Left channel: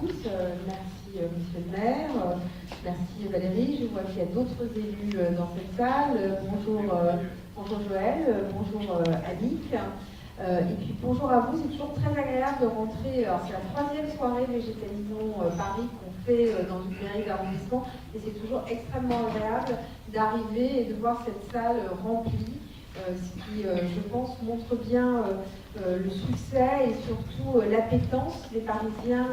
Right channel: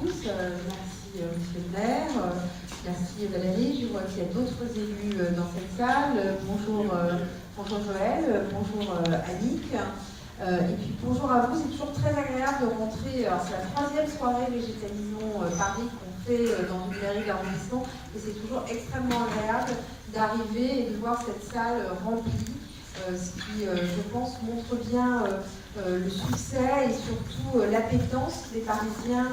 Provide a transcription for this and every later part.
tous. Merci Monsieur le maire, merci Valérie. Je vois qu'il y a d'autres élus dans cette salle. Bonjour, bonjour Joël, bonjour Annick. Et puis bonjour à vous. C'est toujours très agréable de rentrer. Alors c'est la 3e soirée Végétalisons Paris qu'on fait dans une mairie d'arrondissement. Et c'est toujours extrêmement agréable d'arriver et de voir cette salle remplie. Ce qui, je pense, montre bien le succès et surtout l'appétence des Parisiens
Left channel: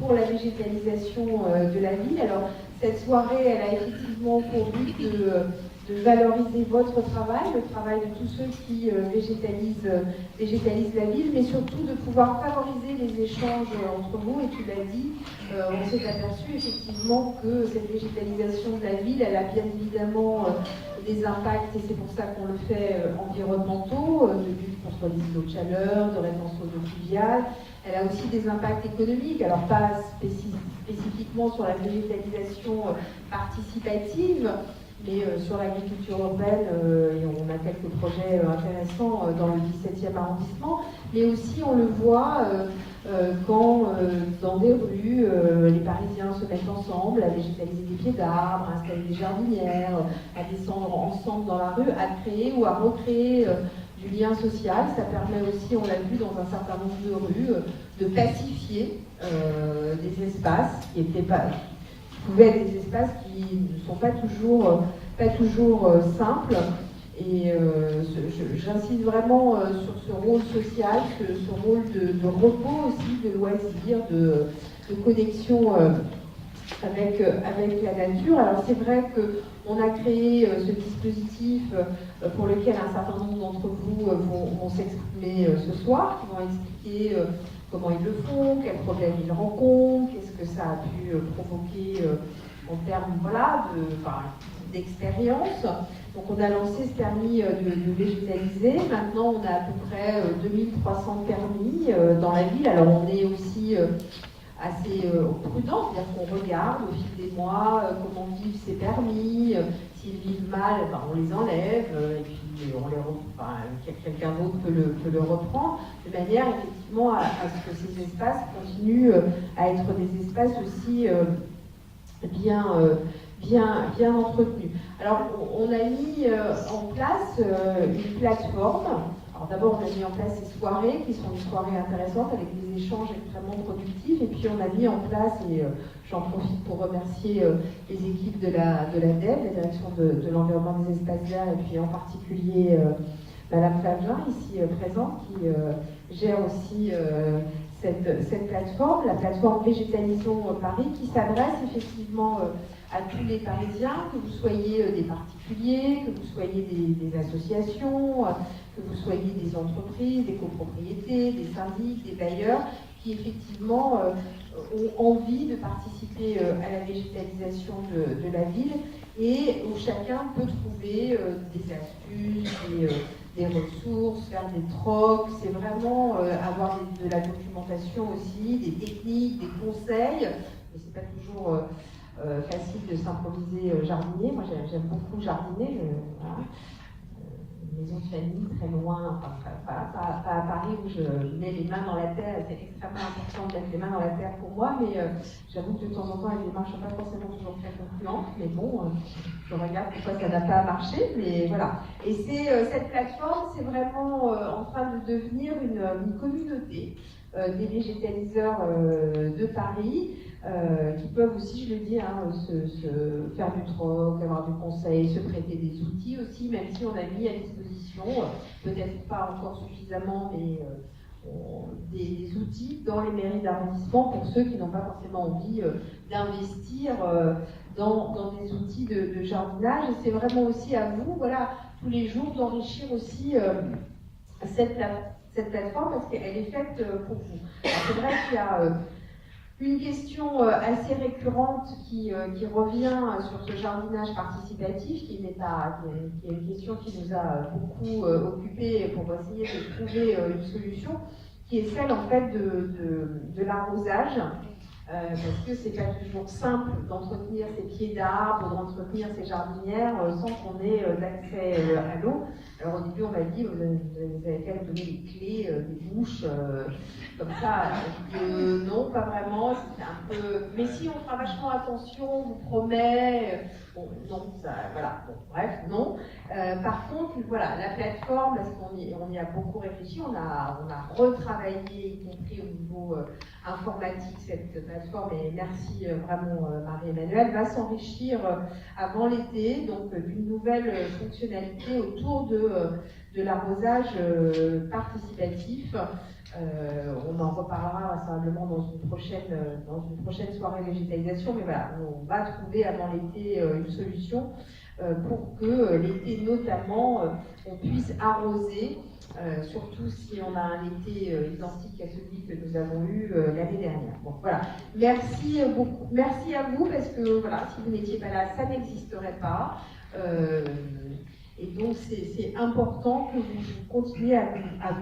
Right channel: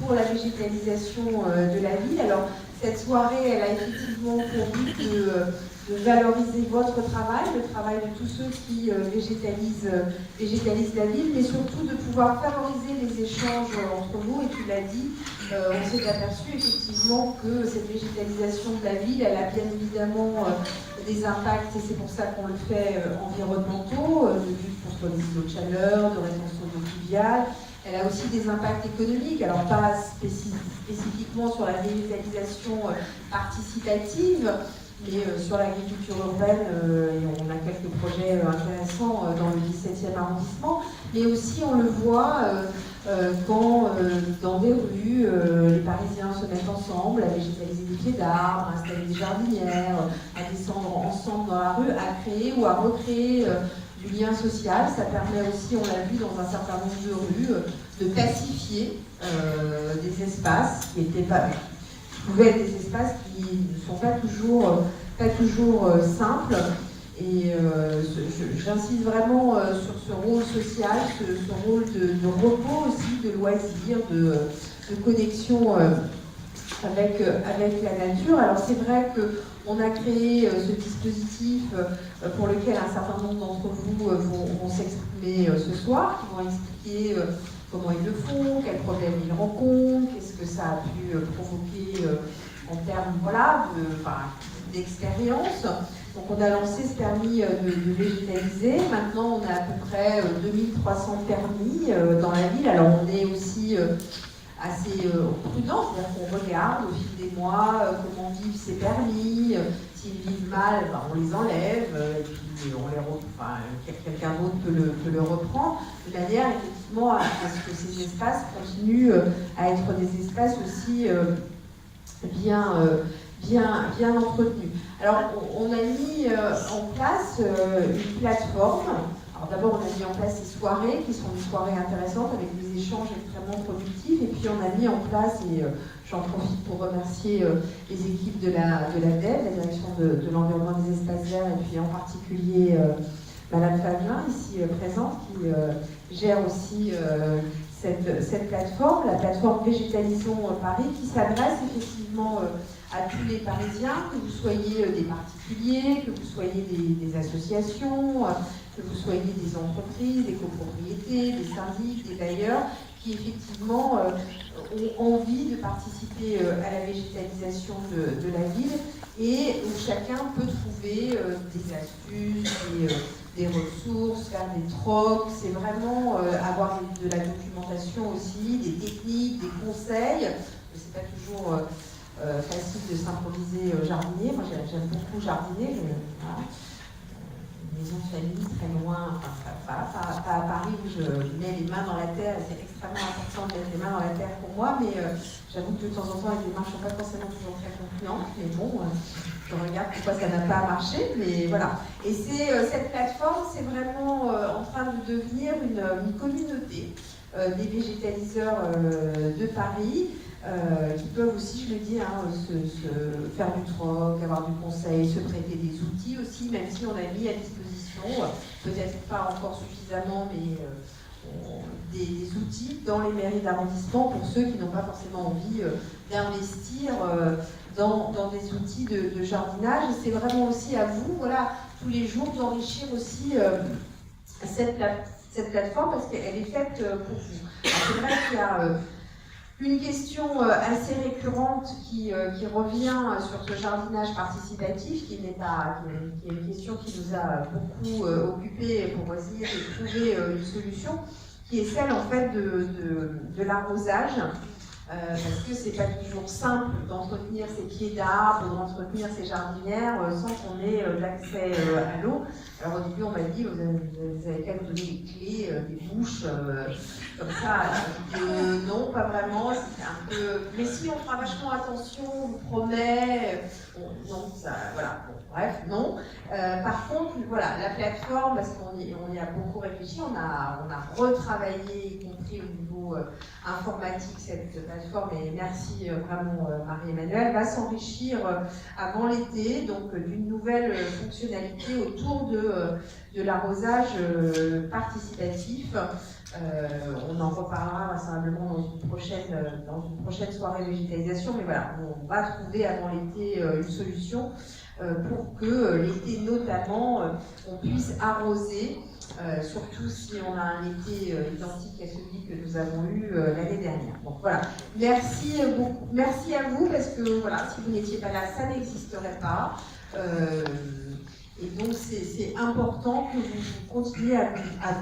pour la végétalisation de la ville. Alors, cette soirée, elle a effectivement pour but de valoriser votre travail, le travail de tous ceux qui végétalisent la ville, mais surtout de pouvoir favoriser les échanges entre vous. Et tu l'as dit, on s'est aperçu effectivement que cette végétalisation de la ville, elle a bien évidemment des impacts, et c'est pour ça qu'on le fait, environnementaux, de lutte contre les îlots de chaleur, de rétention d'eau pluviale. Elle a aussi des impacts économiques, alors pas spécifiquement sur la végétalisation participative, mais sur l'agriculture urbaine, et on a quelques projets intéressants dans le 17e arrondissement, mais aussi on le voit quand dans des rues, les Parisiens se mettent ensemble à végétaliser des pieds d'arbres, à installer des jardinières, à descendre ensemble dans la rue, à créer ou à recréer du lien social. Ça permet aussi, on l'a vu dans un certain nombre de rues, de pacifier des espaces qui pouvaient être des espaces qui ne sont pas toujours simples. Et j'insiste vraiment sur ce rôle social, ce rôle de repos aussi, de loisir, de connexion avec la nature. Alors c'est vrai qu'on a créé ce dispositif pour lequel un certain nombre d'entre vous vont s'exprimer ce soir, qui vont expliquer comment ils le font, quels problèmes ils rencontrent, qu'est-ce que ça a pu provoquer en termes d'expérience. Donc on a lancé ce permis de végétaliser. Maintenant on a à peu près 2300 permis dans la ville. Alors on est aussi assez prudent, c'est-à-dire qu'on regarde au fil des mois comment vivent ces permis. S'ils vivent mal, on les enlève et puis quelqu'un d'autre peut le reprendre, de manière effectivement à ce que ces espaces continuent à être des espaces aussi bien entretenus. Alors, on a mis en place une plateforme. Alors d'abord, on a mis en place ces soirées, qui sont des soirées intéressantes, avec des échanges extrêmement productifs. Et puis, on a mis en place, et j'en profite pour remercier les équipes de la DEV, la Direction de l'Environnement des Espaces Verts, et puis en particulier Madame Fabien, ici présente, qui gère aussi cette plateforme, la plateforme Végétalisons Paris, qui s'adresse effectivement à tous les Parisiens, que vous soyez des particuliers, que vous soyez des associations, que vous soyez des entreprises, des copropriétés, des syndics, des bailleurs, qui effectivement ont envie de participer à la végétalisation de la ville et où chacun peut trouver des astuces, des ressources, faire des trocs. C'est vraiment avoir de la documentation aussi, des techniques, des conseils. C'est pas toujours facile de s'improviser jardinier. Moi j'aime beaucoup jardiner. Voilà. Maison de famille très loin, pas à Paris où je mets les mains dans la terre, et c'est extrêmement important de mettre les mains dans la terre pour moi, mais j'avoue que de temps en temps les démarches ne sont pas forcément toujours très concluantes, mais bon, je regarde pourquoi ça n'a pas marché, mais voilà. Et cette plateforme, c'est vraiment en train de devenir une communauté des végétaliseurs de Paris, qui peuvent aussi, je le dis, se faire du troc, avoir du conseil, se prêter des outils aussi, même si on a mis à disposition, peut-être pas encore suffisamment, mais des outils dans les mairies d'arrondissement pour ceux qui n'ont pas forcément envie d'investir dans des outils de jardinage. Et c'est vraiment aussi à vous, voilà, tous les jours d'enrichir aussi cette plateforme, parce qu'elle est faite pour vous. C'est vrai qu'il y a une question assez récurrente qui revient sur ce jardinage participatif, qui est une question qui nous a beaucoup occupés pour essayer de trouver une solution, qui est celle en fait de l'arrosage. parce que c'est pas toujours simple d'entretenir ses pieds d'arbres ou d'entretenir ses jardinières sans qu'on ait l'accès à l'eau. Alors au début on m'a dit vous avez qu'à me donner les clés, des bouches, comme ça. Non, pas vraiment, c'était un peu... Mais si on fera vachement attention, on vous promet... Bon, non, ça, voilà, bon, bref, non. Par contre, voilà, la plateforme, parce qu'on y a beaucoup réfléchi, on a retravaillé, y compris au niveau informatique, cette plateforme, et merci vraiment Marie-Emmanuelle, va s'enrichir avant l'été, donc d'une nouvelle fonctionnalité autour de l'arrosage participatif. On en reparlera vraisemblablement dans une prochaine soirée végétalisation, mais voilà, on va trouver avant l'été une solution pour que l'été notamment on puisse arroser, surtout si on a un été identique à celui que nous avons eu l'année dernière. Bon, voilà. Merci beaucoup. Merci à vous, parce que voilà, si vous n'étiez pas là, ça n'existerait pas. Et donc c'est important que vous continuiez à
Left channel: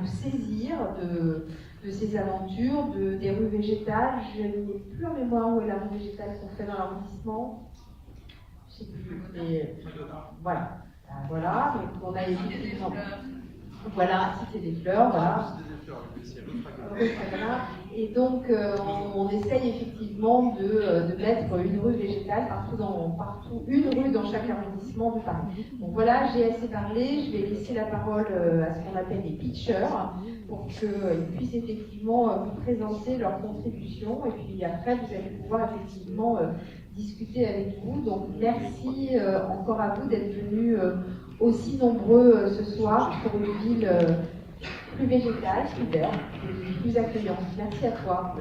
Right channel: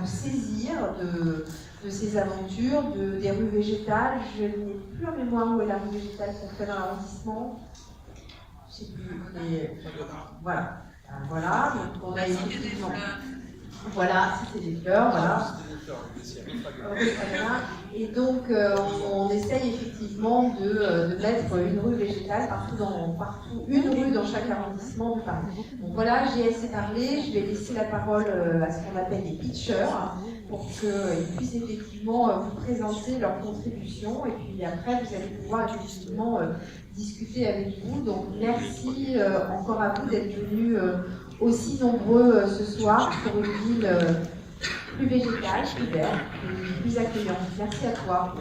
vous saisir de ces aventures, des rues végétales. Je n'ai plus en mémoire où est la rue végétale qu'on fait dans l'arrondissement. Je ne sais plus. Voilà. Voilà. Donc on a effectivement... Voilà, c'était des fleurs, voilà. Et donc, on essaye effectivement de mettre une rue végétale partout, une rue dans chaque arrondissement de Paris. Donc voilà, j'ai assez parlé, je vais laisser la parole à ce qu'on appelle les pitchers, pour qu'ils puissent effectivement vous présenter leur contribution, et puis après, vous allez pouvoir effectivement discuter avec vous. Donc merci encore à vous d'être venus aussi nombreux ce soir pour une ville plus végétale, plus verte, plus accueillante. Merci à toi.